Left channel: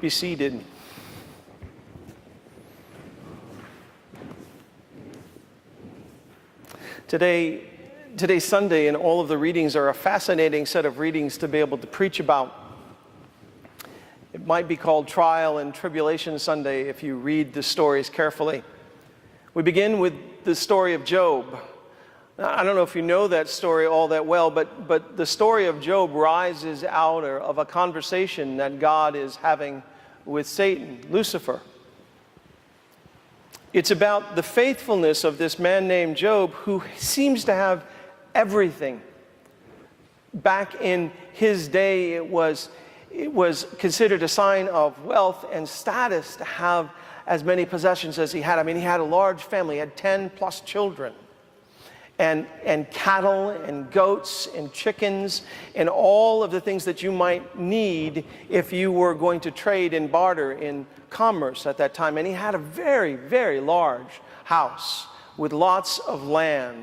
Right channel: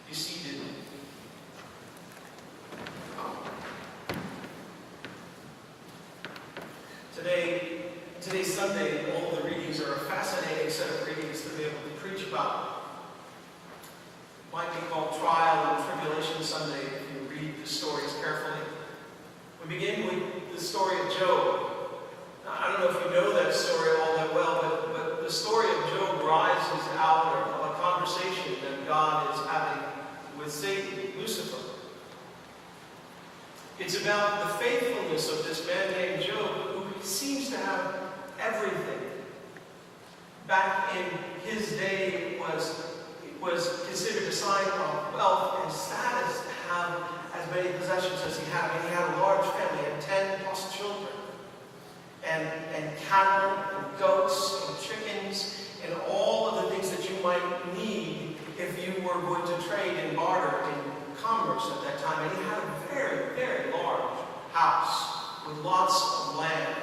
Be seated. Today's Sunday, and all of the readings are a fascinating set of readings to be able to preach about. It might be called Trial and Tribulation Sunday if you read the stories carefully. We begin with the story of Job. Now, I don't know if you know that story all that well, but the story of Job rises out of a conversation that God is having with Satan, Lucifer. It's about the faithfulness of this man named Job, who seems to have everything. Back in his day, it was considered a sign of wealth and status to have as many possessions as he had. I mean, he had a large family, he had 10 plus children, and cattle and goats and chickens and all of the things that you might need if you were going to trade and barter in commerce at that time. And he had a very, very large house with lots of land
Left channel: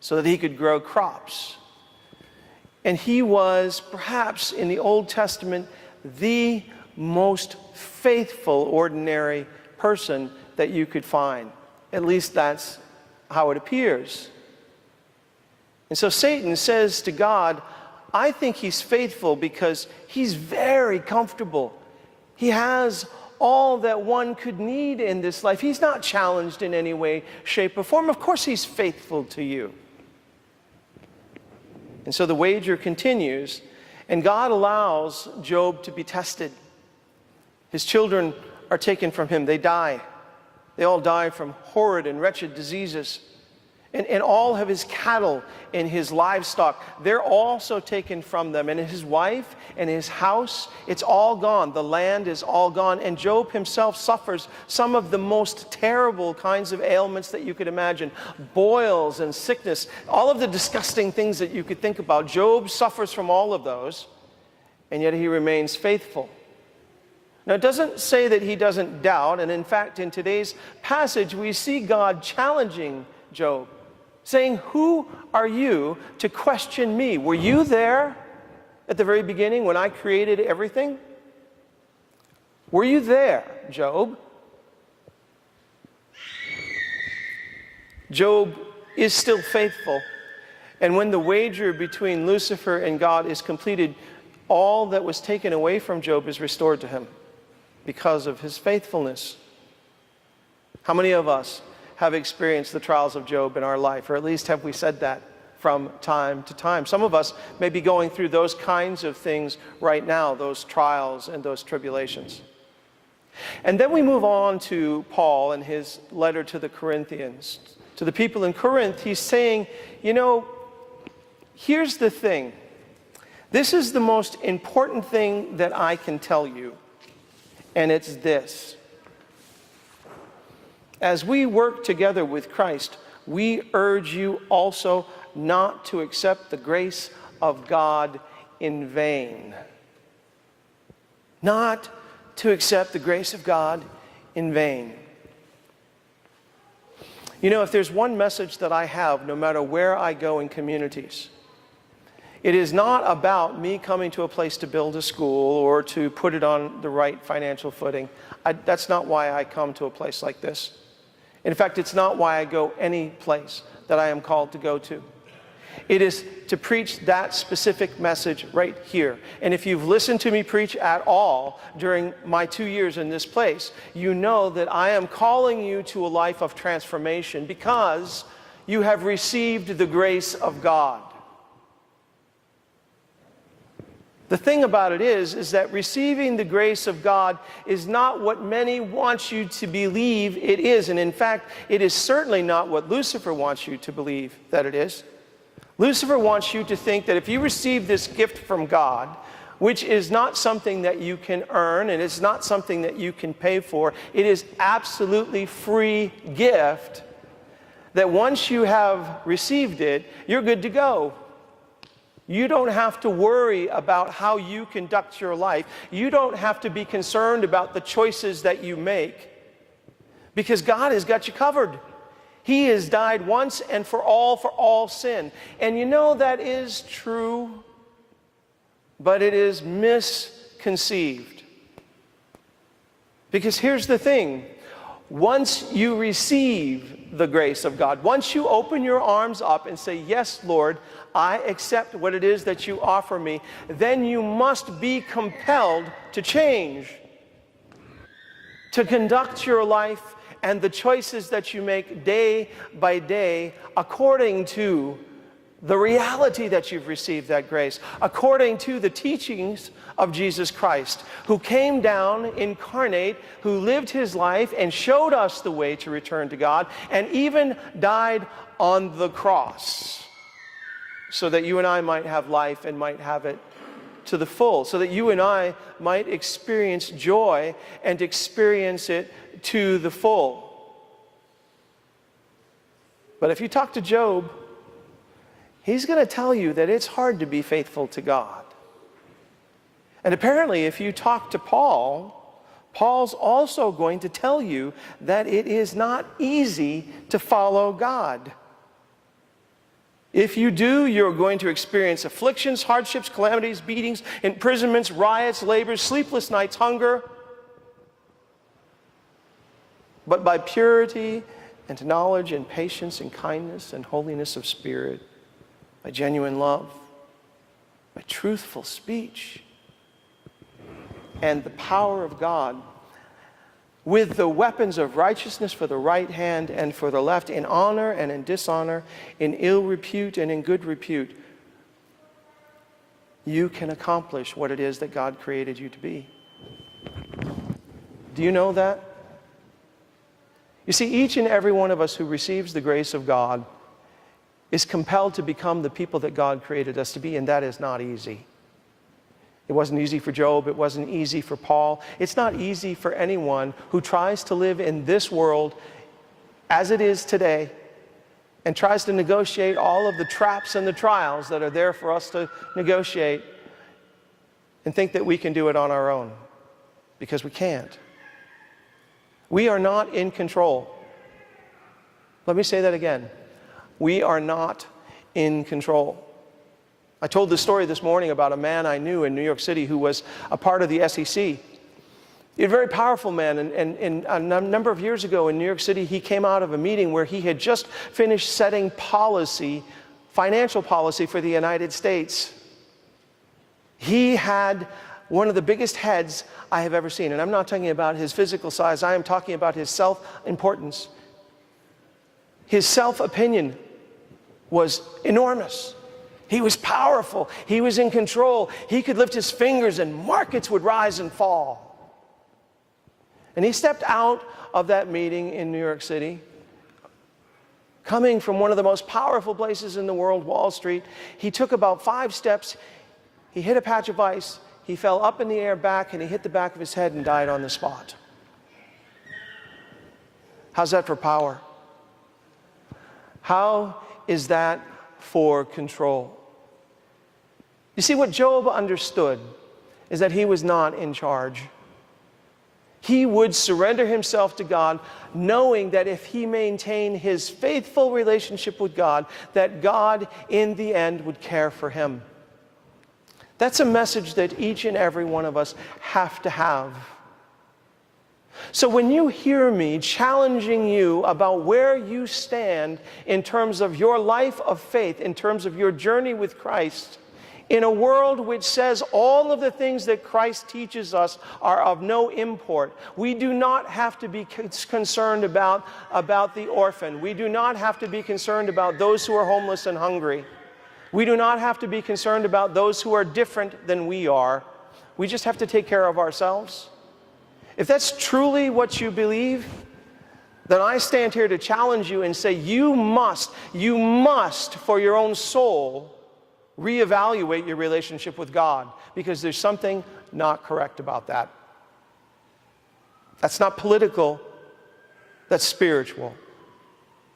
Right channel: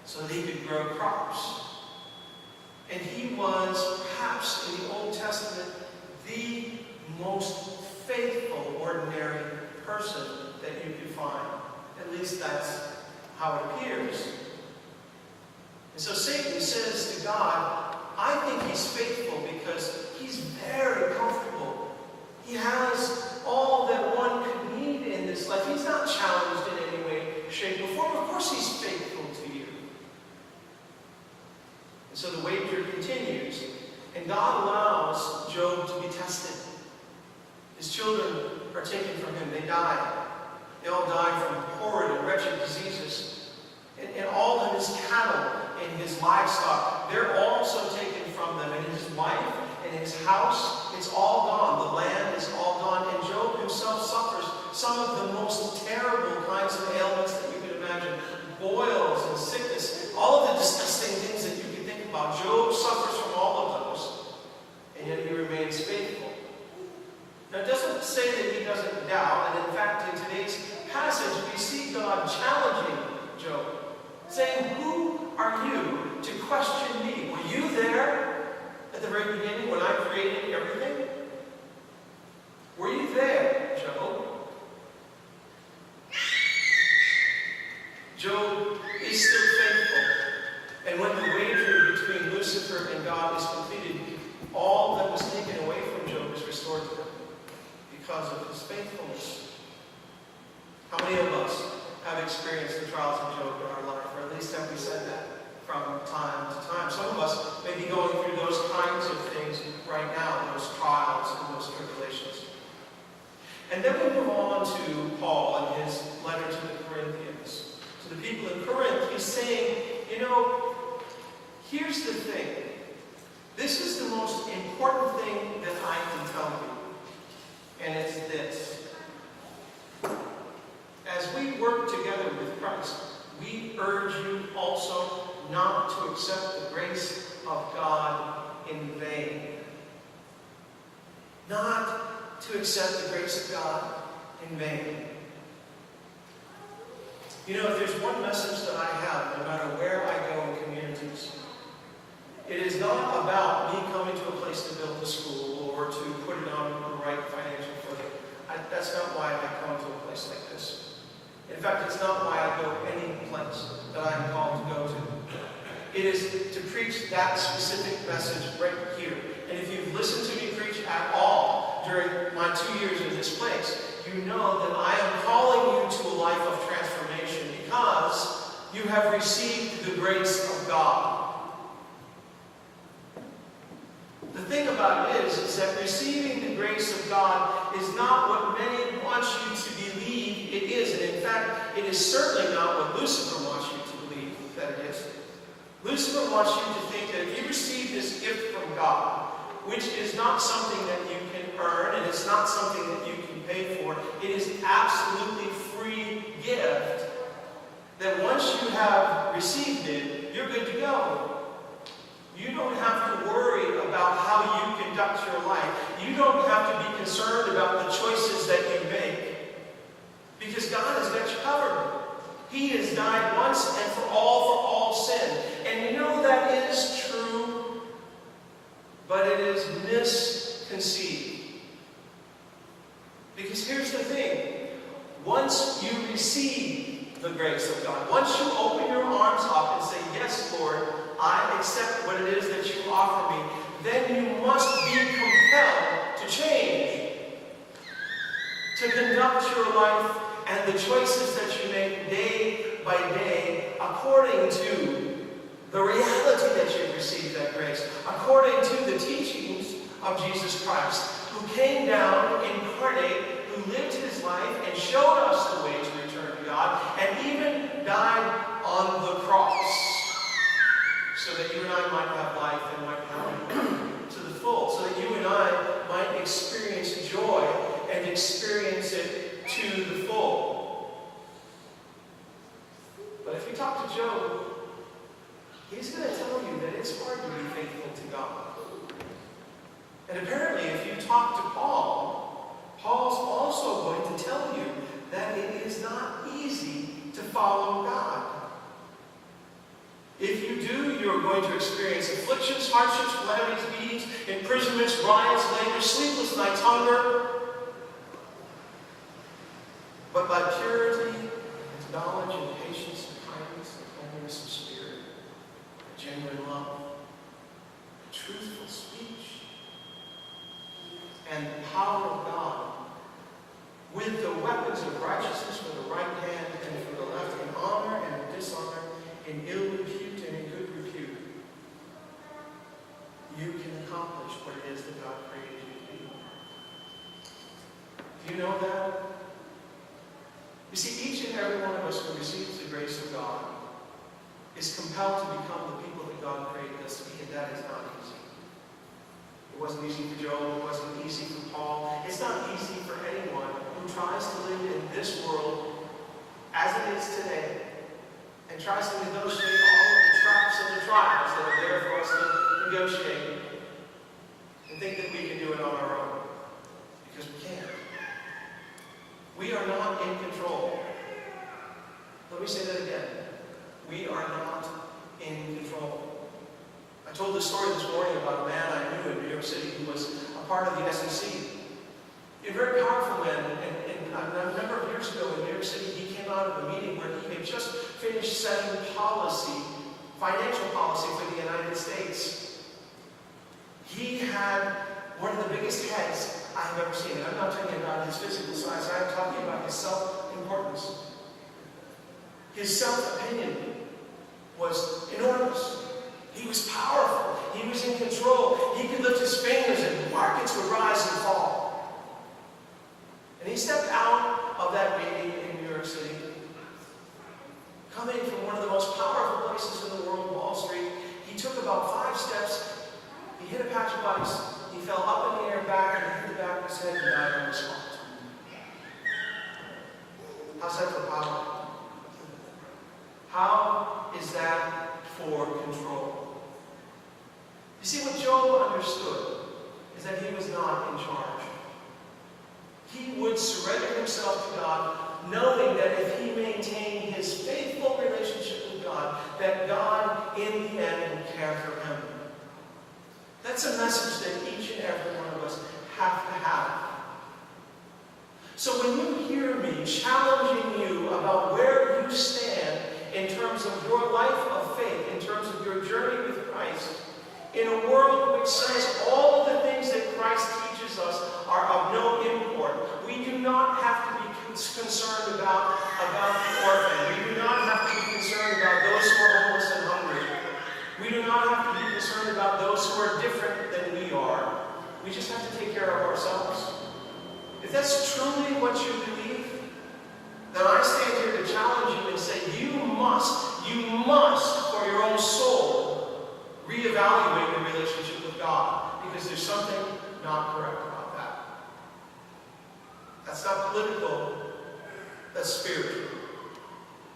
so that he could grow crops. And he was perhaps in the Old Testament the most faithful ordinary person that you could find. At least that's how it appears. And so Satan says to God, I think he's faithful because he's very comfortable. He has all that one could need in this life. He's not challenged in any way, shape, or form. Of course he's faithful to you. And so the wager continues, and God allows Job to be tested. His children are taken from him. They die. They all die from horrid and wretched diseases. And all of his cattle and his livestock, they're also taken from them. And his wife and his house, it's all gone. The land is all gone. And Job himself suffers some of the most terrible kinds of ailments that you could imagine. Boils and sickness, all of the disgusting things that you could think about. Job suffers from all of those, and yet he remains faithful. Now, it doesn't say that he doesn't doubt, and in fact, in today's passage, we see God challenging Job, saying, who are you to question me? Were you there at the very beginning when I created everything? Were you there, Job? Job is still faithful. And when the wager between Lucifer and God is completed, all that was taken away from Job is restored to him because of his faithfulness. How many of us have experienced the trials of Job in our life, or at least have we said that from time to time? Some of us may be going through those kinds of things right now, those trials and those tribulations. And then we move on to Paul and his letter to the Corinthians. To the people in Corinth, he's saying, you know, here's the thing. This is the most important thing that I can tell you, and it's this. As we work together with Christ, we urge you also not to accept the grace of God in vain. Not to accept the grace of God in vain. You know, if there's one message that I have, no matter where I go in communities, it is not about me coming to a place to build a school or to put it on the right financial footing. That's not why I come to a place like this. In fact, it's not why I go any place that I am called to go to. It is to preach that specific message right here. And if you've listened to me preach at all during my 2 years in this place, you know that I am calling you to a life of transformation because you have received the grace of God. The thing about it is that receiving the grace of God is not what many want you to believe it is. And in fact, it is certainly not what Lucifer wants you to believe that it is. Lucifer wants you to think that if you receive this gift from God, which is not something that you can earn and it's not something that you can pay for, it is absolutely free gift, that once you have received it, you're good to go. You don't have to worry about how you conduct your life. You don't have to be concerned about the choices that you make, because God has got you covered. He has died once and for all sin. And you know that is true, but it is misconceived. Because here's the thing. Once you receive the grace of God, once you open your arms up and say, yes, Lord, I accept what it is that you offer me, then you must be compelled to change, to conduct your life and the choices that you make day by day according to the reality that you've received that grace, according to the teachings of Jesus Christ, who came down incarnate, who lived his life and showed us the way to return to God, and even died on the cross so that you and I might have life and might have it to the full, so that you and I might experience joy and experience it to the full. But if you talk to Job, he's going to tell you that it's hard to be faithful to God. And apparently, if you talk to Paul, Paul's also going to tell you that it is not easy to follow God. If you do, you're going to experience afflictions, hardships, calamities, beatings, imprisonments, riots, labors, sleepless nights, hunger. But by purity and knowledge and patience and kindness and holiness of spirit, by genuine love, by truthful speech, and the power of God, with the weapons of righteousness for the right hand and for the left, in honor and in dishonor, in ill repute and in good repute, you can accomplish what it is that God created you to be. Do you know that? You see, each and every one of us who receives the grace of God is compelled to become the people that God created us to be, and that is not easy. It wasn't easy for Job. It wasn't easy for Paul. It's not easy for anyone who tries to live in this world as it is today and tries to negotiate all of the traps and the trials that are there for us to negotiate and think that we can do it on our own, because we can't. We are not in control. Let me say that again. We are not in control. I told this story this morning about a man I knew in New York City who was a part of the SEC. He's a very powerful man, and a number of years ago in New York City, he came out of a meeting where he had just finished setting policy, financial policy for the United States. He had one of the biggest heads I have ever seen, and I'm not talking about his physical size, I am talking about his self-importance. His self-opinion was enormous. He was powerful. He was in control. He could lift his fingers and markets would rise and fall. And he stepped out of that meeting in New York City, coming from one of the most powerful places in the world, Wall Street. He took about 5 steps. He hit a patch of ice. He fell up in the air back, and he hit the back of his head and died on the spot. How's that for power? How is that for control? You see, what Job understood is that he was not in charge. He would surrender himself to God, knowing that if he maintained his faithful relationship with God, that God, in the end, would care for him. That's a message that each and every one of us have to have. So when you hear me challenging you about where you stand in terms of your life of faith, in terms of your journey with Christ, in a world which says all of the things that Christ teaches us are of no import, we do not have to be concerned about the orphan. We do not have to be concerned about those who are homeless and hungry. We do not have to be concerned about those who are different than we are. We just have to take care of ourselves. If that's truly what you believe, then I stand here to challenge you and say you must, for your own soul, reevaluate your relationship with God, because there's something not correct about that. That's not political, that's spiritual.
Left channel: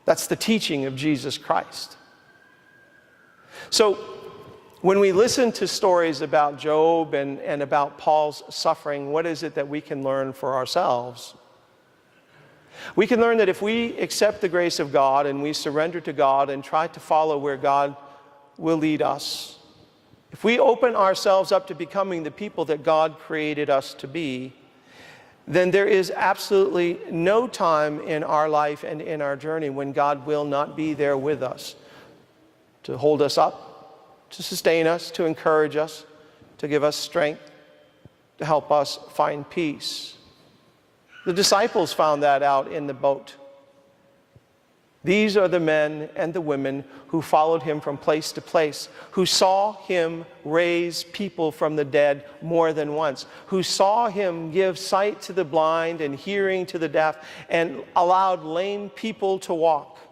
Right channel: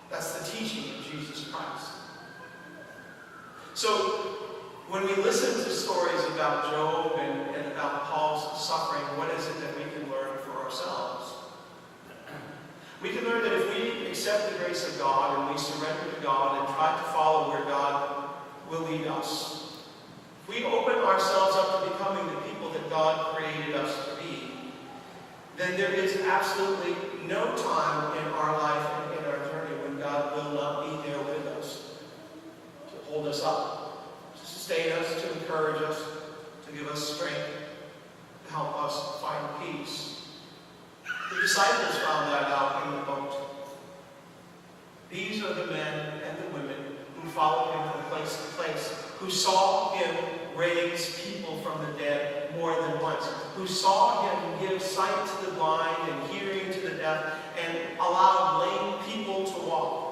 That's the teaching of Jesus Christ. So when we listen to stories about Job and about Paul's suffering, what is it that we can learn for ourselves? We can learn that if we accept the grace of God and we surrender to God and try to follow where God will lead us, if we open ourselves up to becoming the people that God created us to be, then there is absolutely no time in our life and in our journey when God will not be there with us to hold us up, to sustain us, to encourage us, to give us strength, to help us find peace. The disciples found that out in the boat. These are the men and the women who followed him from place to place, who saw him raise people from the dead more than once, who saw him give sight to the blind and hearing to the deaf, and allowed lame people to walk.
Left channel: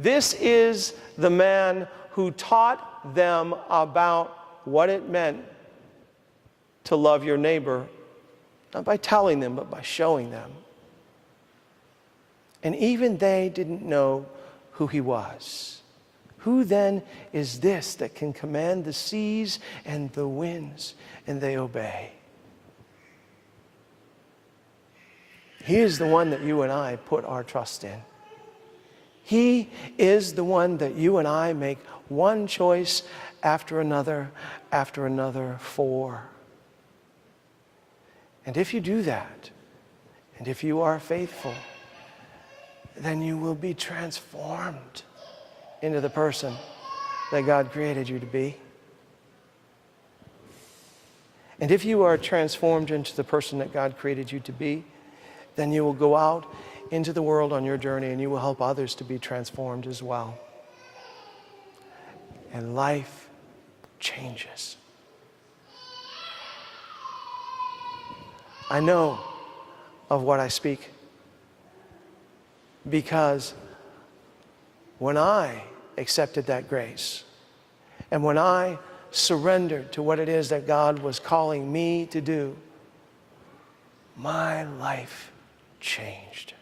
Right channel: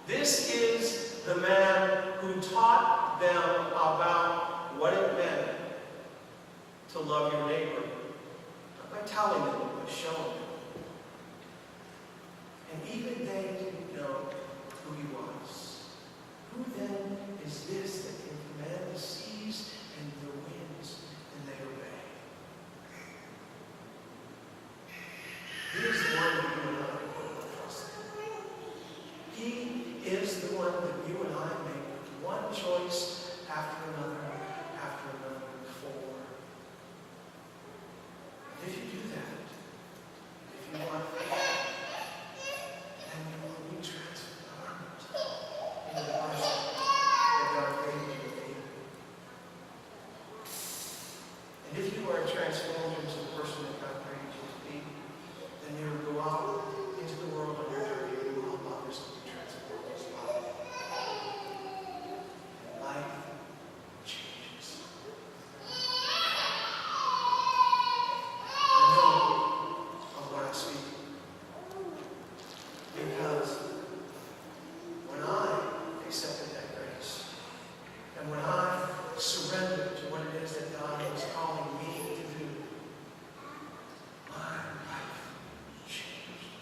This is the man who taught them about what it meant to love your neighbor, not by telling them, but by showing them. And even they didn't know who he was. Who then is this that can command the seas and the winds, and they obey? He is the one that you and I put our trust in. He is the one that you and I make one choice after another for. And if you do that, and if you are faithful, then you will be transformed into the person that God created you to be. And if you are transformed into the person that God created you to be, then you will go out into the world on your journey and you will help others to be transformed as well. And life changes. I know of what I speak because when I accepted that grace and when I surrendered to what it is that God was calling me to do, my life changed.